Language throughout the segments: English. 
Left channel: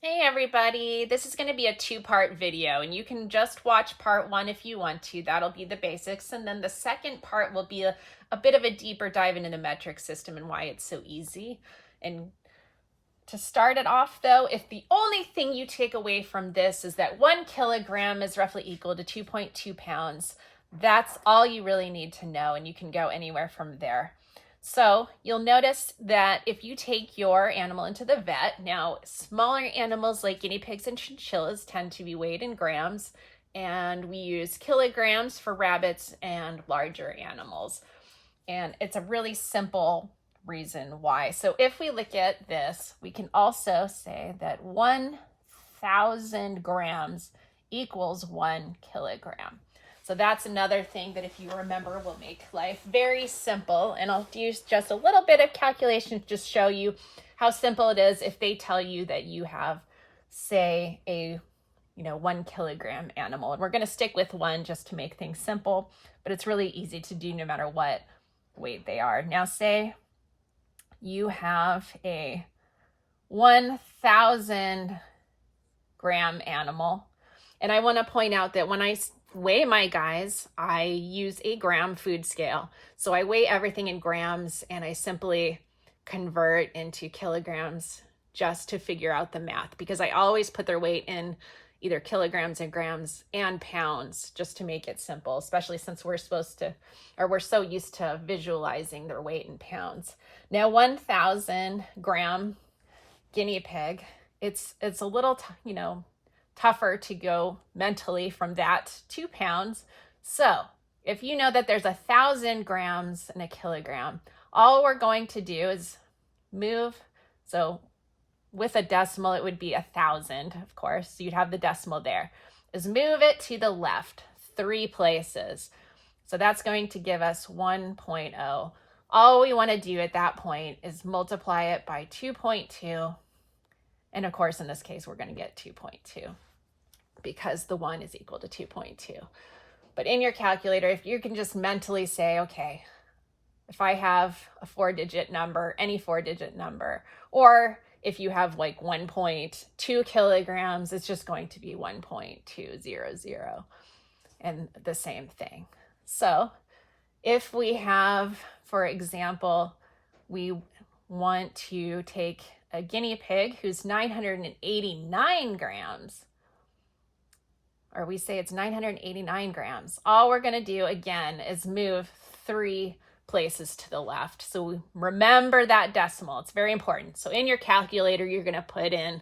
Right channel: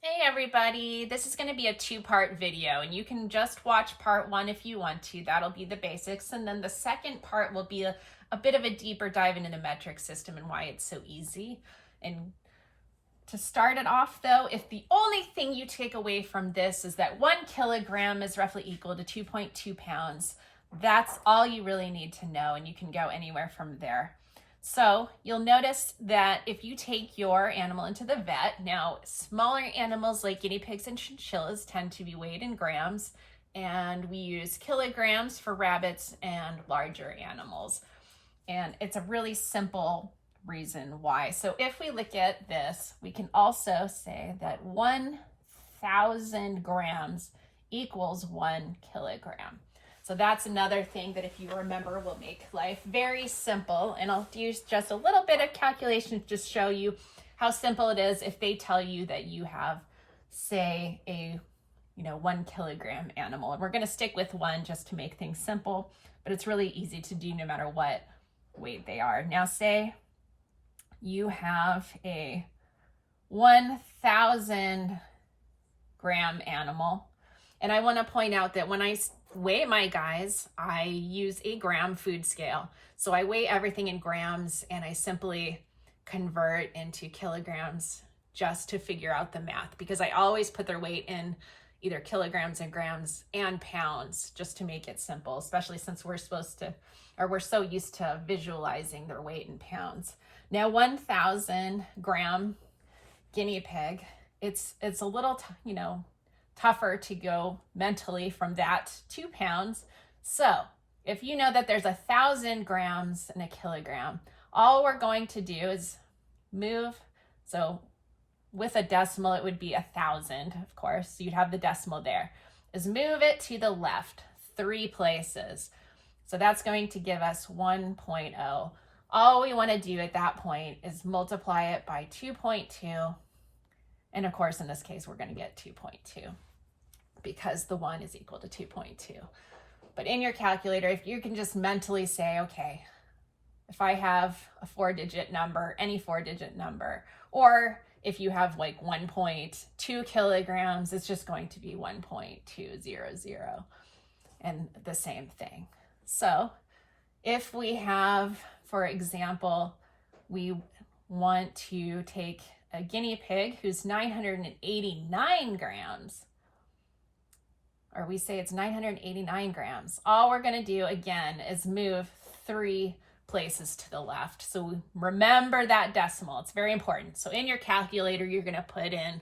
Hey everybody, this is going to be a two-part video and you can just watch part one if you want to. That'll be the basics, and then the second part will be a bit of a deeper dive into the metric system and why it's so easy. And to start it off though, if the only thing you take away from this is that 1 kilogram is roughly equal to 2.2 pounds, that's all you really need to know, and you can go anywhere from there. So you'll notice that if you take your animal into the vet, now smaller animals like guinea pigs and chinchillas tend to be weighed in grams, and we use kilograms for rabbits and larger animals. And it's a really simple reason why. So if we look at this, we can also say that 1,000 grams equals 1 kilogram. So that's another thing that if you remember will make life very simple. And I'll use just a little bit of calculation to just show you how simple it is if they tell you that you have, say, a 1 kilogram animal. And we're going to stick with one just to make things simple, but it's really easy to do no matter what weight they are. Now say you have a 1,000 gram animal. And I want to point out that when I weigh my guys, I use a gram food scale. So I weigh everything in grams and I simply convert into kilograms just to figure out the math, because I always put their weight in either kilograms and grams and pounds just to make it simple, especially since we're so used to visualizing their weight in pounds. Now 1,000 gram guinea pig, it's a little tougher to go mentally from that 2 pounds. So if you know that there's 1,000 grams in a kilogram, all we're going to do is move. So with a decimal, it would be 1,000, of course. So you'd have the decimal there. Is move it to the left 3 places. So that's going to give us 1.0. All we want to do at that point is multiply it by 2.2. And of course, in this case, we're going to get 2.2 because the 1 is equal to 2.2. But in your calculator, if you can just mentally say, okay, if I have a 4-digit number, any 4-digit number, or if you have like 1.2 kilograms, it's just going to be 1.200, and the same thing. So if we have, for example, we want to take a guinea pig who's 989 grams, or we say it's 989 grams, all we're going to do again is move 3 places to the left. So remember that decimal. It's very important. So in your calculator, you're going to put in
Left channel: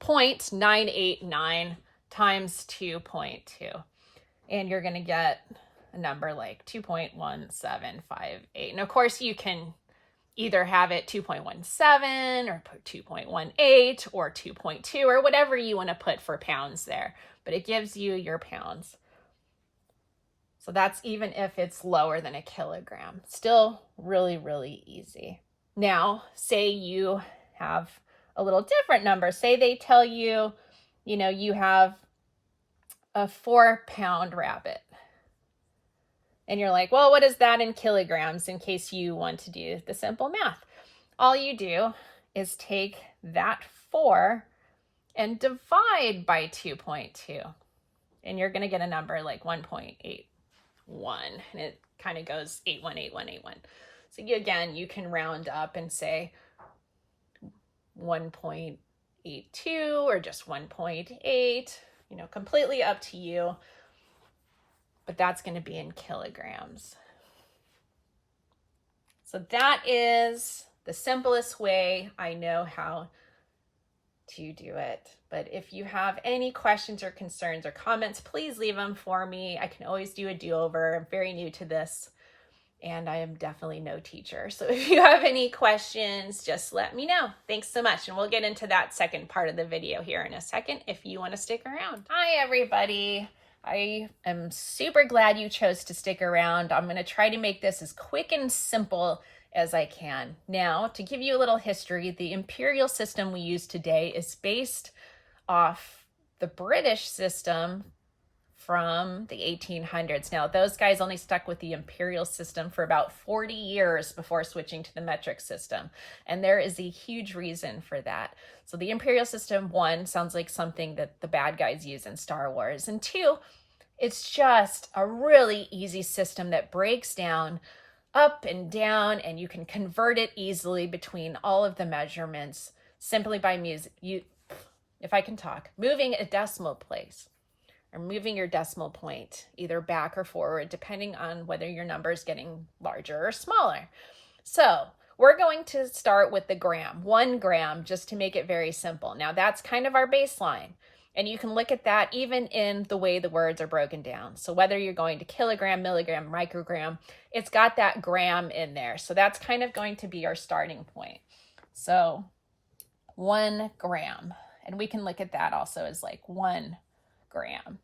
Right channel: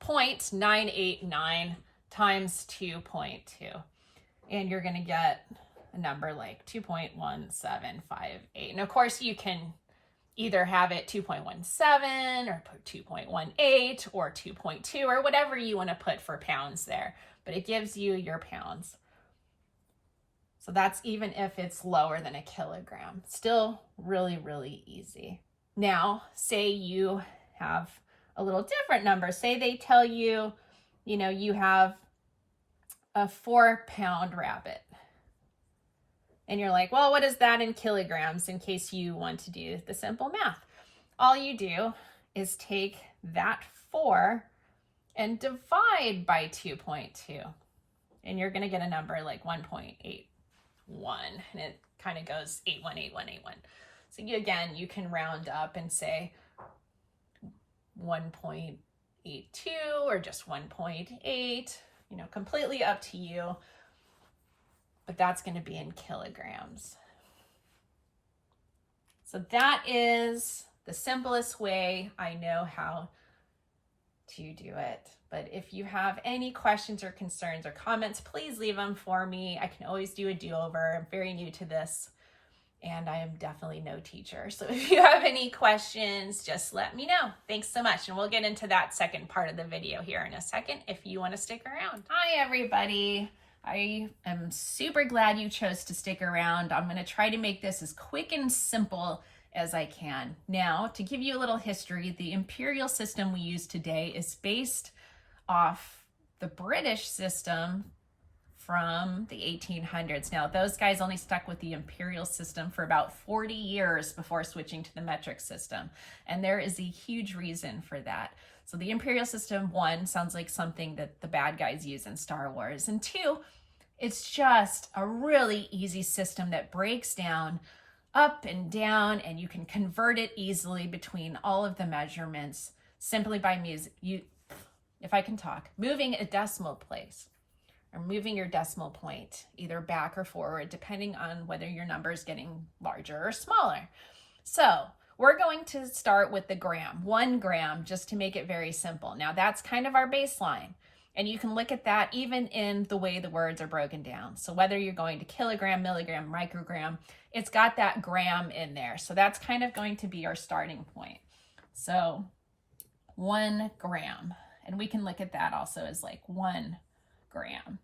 0.989 times 2.2. And you're going to get a number like 2.1758. And of course, you can either have it 2.17 or put 2.18 or 2.2 or whatever you want to put for pounds there. But it gives you your pounds. So that's even if it's lower than a kilogram. Still really, really easy. Now, say you have a little different number. Say they tell you, you have a 4-pound rabbit. And you're like, well, what is that in kilograms, in case you want to do the simple math? All you do is take that 4 and divide by 2.2. And you're going to get a number like 1.81. And it kind of goes 818181. So again, you can round up and say 1.82 or just 1.8, completely up to you. But that's going to be in kilograms. So that is the simplest way I know how to do it. But if you have any questions or concerns or comments, please leave them for me. I can always do a do-over. I'm very new to this, and I am definitely no teacher. So if you have any questions, just let me know. Thanks so much. And we'll get into that second part of the video here in a second if you want to stick around. Hi, everybody. I am super glad you chose to stick around. I'm going to try to make this as quick and simple as I can. Now, to give you a little history, the imperial system we use today is based off the British system from the 1800s. Now, those guys only stuck with the imperial system for about 40 years before switching to the metric system. And there is a huge reason for that. So the imperial system, one, sounds like something that the bad guys use in Star Wars. And two, it's just a really easy system that breaks down up and down, and you can convert it easily between all of the measurements simply by if I can talk, moving a decimal place or moving your decimal point either back or forward, depending on whether your number is getting larger or smaller. So we're going to start with the gram, 1 gram, just to make it very simple. Now that's kind of our baseline. And you can look at that even in the way the words are broken down. So whether you're going to kilogram, milligram, microgram, it's got that gram in there. So that's kind of going to be our starting point. So 1 gram. And we can look at that also as like 1 gram.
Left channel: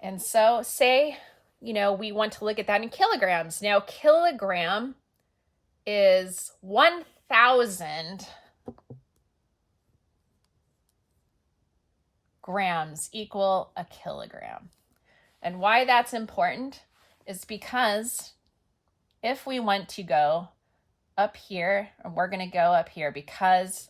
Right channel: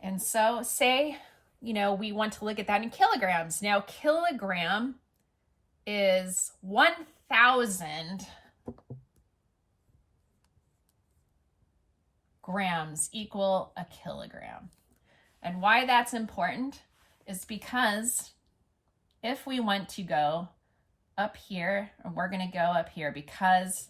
And so say, we want to look at that in kilograms. Now, kilogram is 1,000 grams equal a kilogram. And why that's important is because if we want to go up here, and we're going to go up here because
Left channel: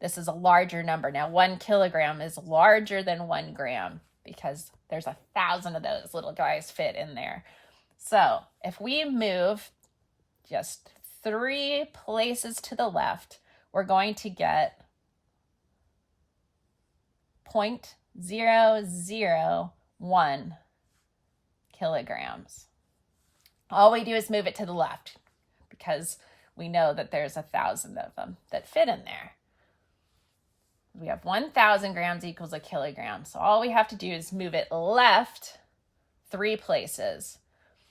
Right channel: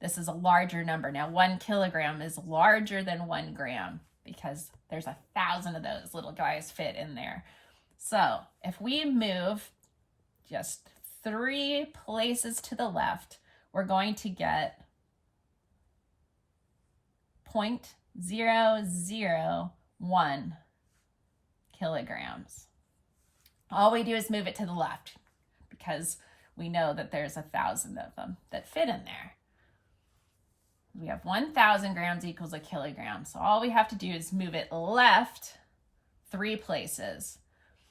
this is a larger number. Now, 1 kilogram is larger than 1 gram because there's 1,000 of those little guys fit in there. So if we move just 3 places to the left, we're going to get 0.001 kilograms. All we do is move it to the left because we know that there's 1,000 of them that fit in there. We have 1,000 grams equals a kilogram. So all we have to do is move it left 3 places.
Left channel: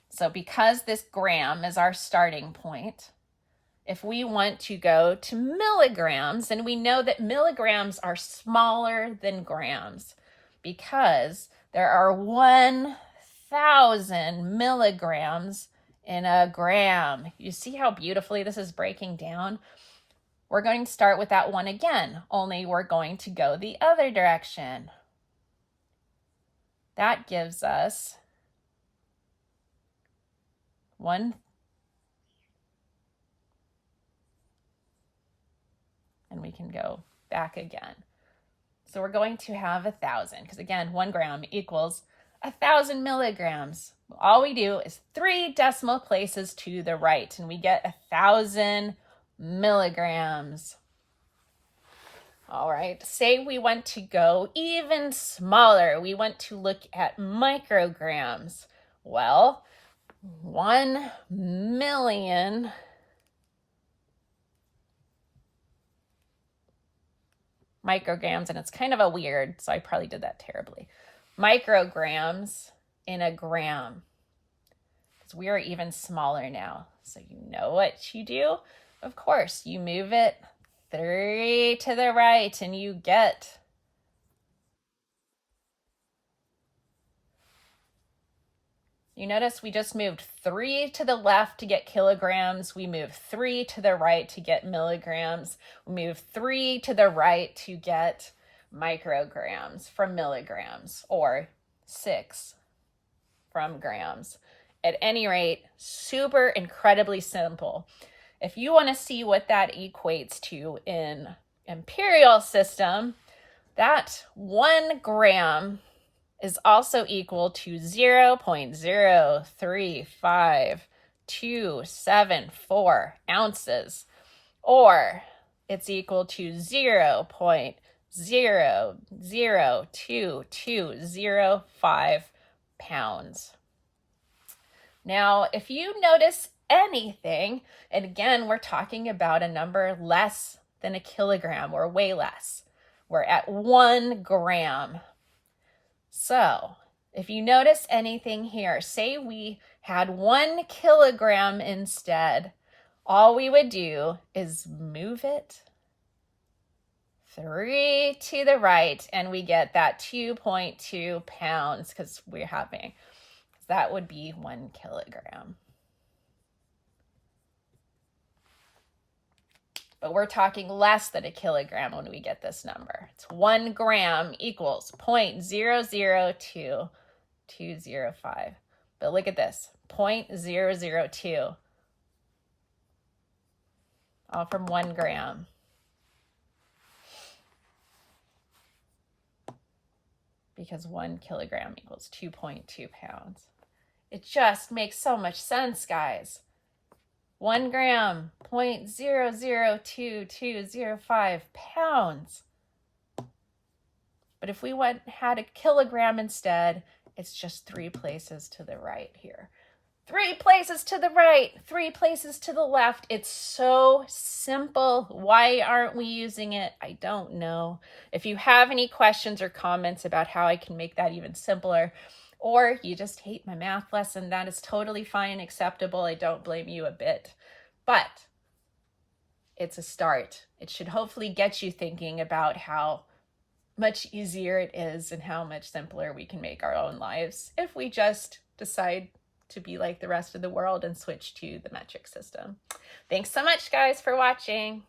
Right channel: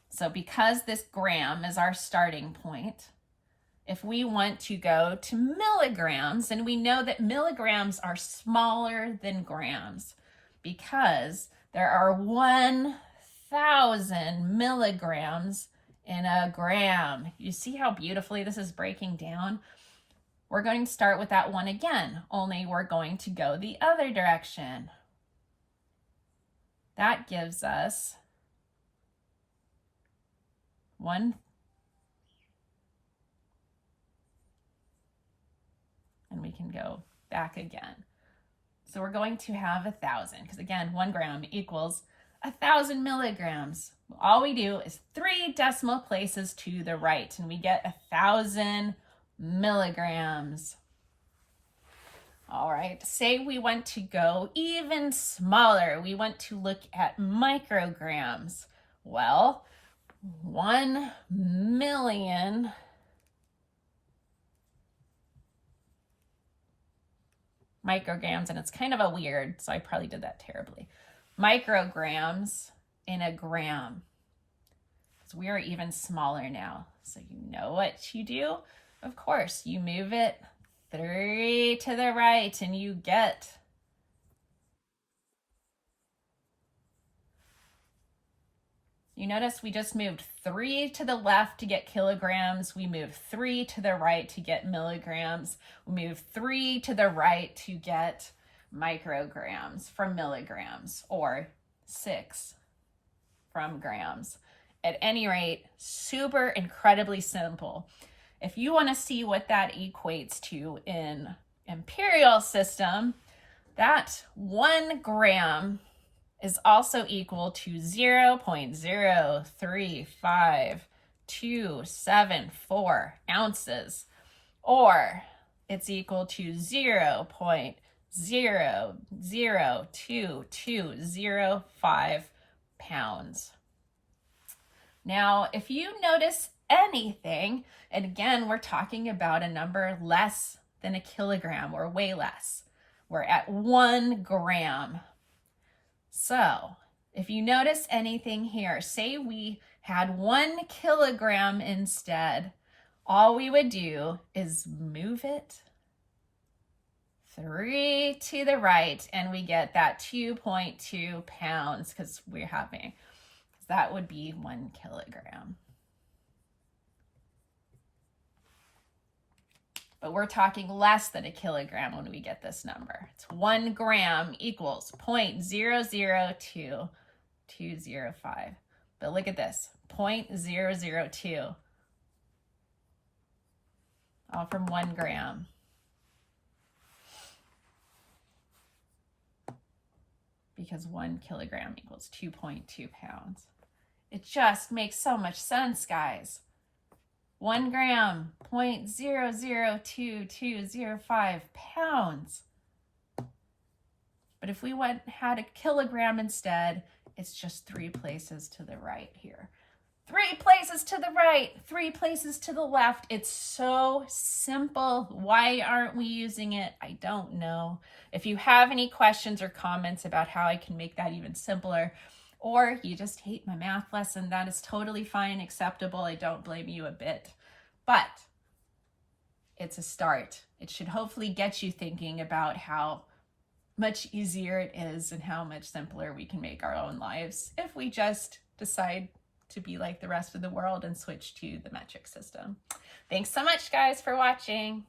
So because this gram is our starting point, if we want to go to milligrams, and we know that milligrams are smaller than grams because there are 1,000 milligrams in a gram. You see how beautifully this is breaking down? We're going to start with that 1 again, only we're going to go the other direction. That gives us 1. And we can go back again. So we're going to have 1,000 because again, 1 gram equals 1,000 milligrams. All we do is 3 decimal places to the right and we get 1,000 milligrams. All right, say we want to go even smaller. We want to look at micrograms. Well, 1 million micrograms, and it's kind of a weird, so I probably did that terribly. Micrograms in a gram. Because we are even smaller now. So you know what you do? Of course, you move it 3 to the right and you get you notice we just moved 3 to the left to get kilograms. We move 3 to the right to get milligrams. We move 3 to the right to get micrograms from milligrams, or 6 from grams. At any rate, super incredibly simple. If you want to see what that equates to in imperial system, that 1 gram is also equal to 0.03527 ounces, or it's equal to 0.0022205 pounds. Now, if you notice anything, and again, we're talking about a number less than a kilogram, or way less. We're at 1 gram. So if you notice anything here, say we had 1 kilogram instead, all we would do is move it 3 to the right and we get that 2.2 pounds because we're having, that would be 1 kilogram. but we're talking less than a kilogram when we get this number. It's 1 gram equals 0.002205. But look at this, 0.002, all from 1 gram. Because 1 kilogram equals 2.2 pounds. It just makes so much sense, guys. 1 gram, 0.002205 pounds. But if we had a kilogram instead, it's just 3 places to the right here. 3 places to the right, 3 places to the left. It's so simple. Why aren't we using it? I don't know. If you have any questions or comments about how I can make that even simpler, or you just hate my math lesson, that is totally fine, acceptable. I don't blame you a bit. But it's a start. It should hopefully get you thinking about how much easier it is and how much simpler we can make our own lives if we just decide to be like the rest of the world and switch to the metric system. Thanks so much, guys, for watching.